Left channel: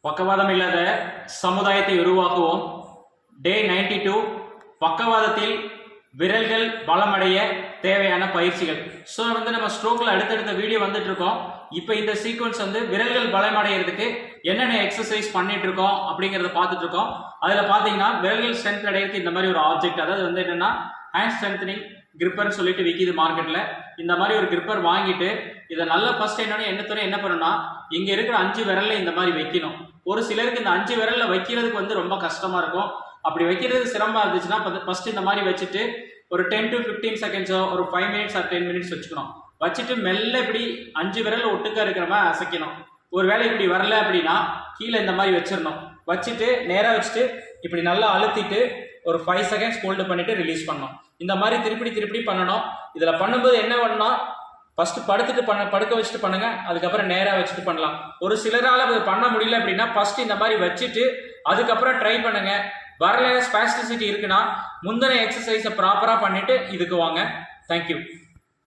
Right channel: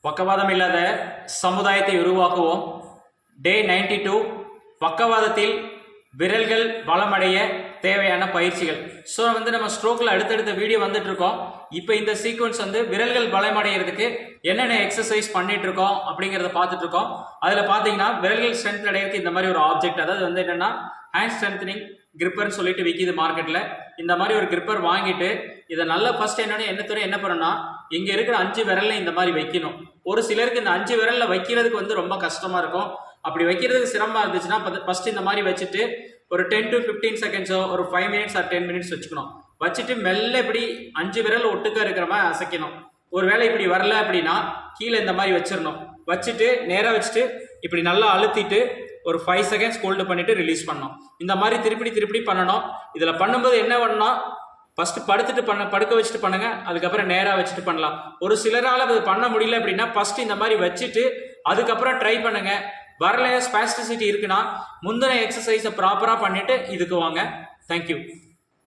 பக்கவாதம் இல்லாத சமுதாயத்தை உருவாக்குவோம். டே நைன்டி டூ பக்கவாதத்தில் விரல்கள் பலமடைய தேவையான பயிற்சிகள். ஸோ வந்து நம்ம ஸ்ட்ரோக்கில் அடுத்தடுத்த வீடியோ வந்துட்டு இருக்கோம் இப்போ இந்த சீக்வன்ஸ் வந்து விரல்கள் பலமடைகிறதுக்கு என்னென்ன எக்ஸசைஸ் பண்ணிட்டு இருக்கோம் அப்படிங்கிறத பார்த்துட்டு இருக்கோம் அதில் பார்த்தீங்கன்னா விரல்கள் ஸ்ட்ரென்த் அடையிறதுக்கு இந்த மாதிரி ஒரு ஆப்ஜெக்ட் அதாவது வந்து என்னென்னா ஹேண்ட் ஸ்ட்ரென்த்னிங் கிரிப்பர்னு சொல்லிட்டு விற்கிது மார்க்கெட்டில் இந்த மாதிரி ஒரு கிரிப்பர் வாங்கிட்டு இதை நல்லா ஃபர்ஸ்ட் என்னென்னு என்ன துறை என்ன பண்ணணும்னா இங்கே இருக்கிற அஞ்சு விரலில் இந்த மாதிரி வைக்கணும். ஒரு சிலருக்கு இந்த அஞ்சு விரலில் வைக்கிறதுக்கு வந்து ரொம்ப கஷ்டமாக இருக்கும். அப்படி வைக்கிறது சிரமமாக இருந்துச்சுன்னா ஃபர்ஸ்ட் இந்த மாதிரி வச்சுட்டு ஒரு டென் டு ஃபிஃப்டீன் செகண்ட்ஸோ ஒரு five minutes or ten minutes வச்சுக்கணும். வச்சுட்டு மெல்ல இப்படி அஞ்சு விரல் ஒட்டுக்க இருக்கிற மாதிரி அசைக்கணும். ஒரு வேளை இப்படி வரல அப்படின்னா கீழே இந்த மாதிரி வச்சிடணும். வச்சுட்டு நேராக வச்சுட்டு இப்படி நல்லா அழுத்திட்டு ஒரு ஃபைவ் செகண்ட்ஸ் ஹோல்டு பண்ணிட்டு ரிலீஸ் பண்ணணும். இந்த மாதிரி திருப்பி திருப்பி பண்ணணும். இதில் பண்ணும்போது என்ன பண்ணால் ஃபஸ்ட்டு படுத்துட்டு பண்ண படுக்க வச்சுட்டு பண்ணுங்கள் அதுக்கப்புறம் நேராக வச்சுட்டு பண்ணலாம். ஒரு சிலரால் அது பண்ண முடியல அப்படின்னா ஃபஸ்ட்டு இந்த மாதிரி வச்சுட்டு அதுக்கப்புறம் ட்ரை பண்ணுங்கள் வரலையா ஸ்பாஸ்டிசிட்டி இருக்குன்னா முந்தின எக்ஸசைஸை ப்ராப்பராக பண்ணிவிட்டு இதுக்கு வாங்க. தேங்க்யூ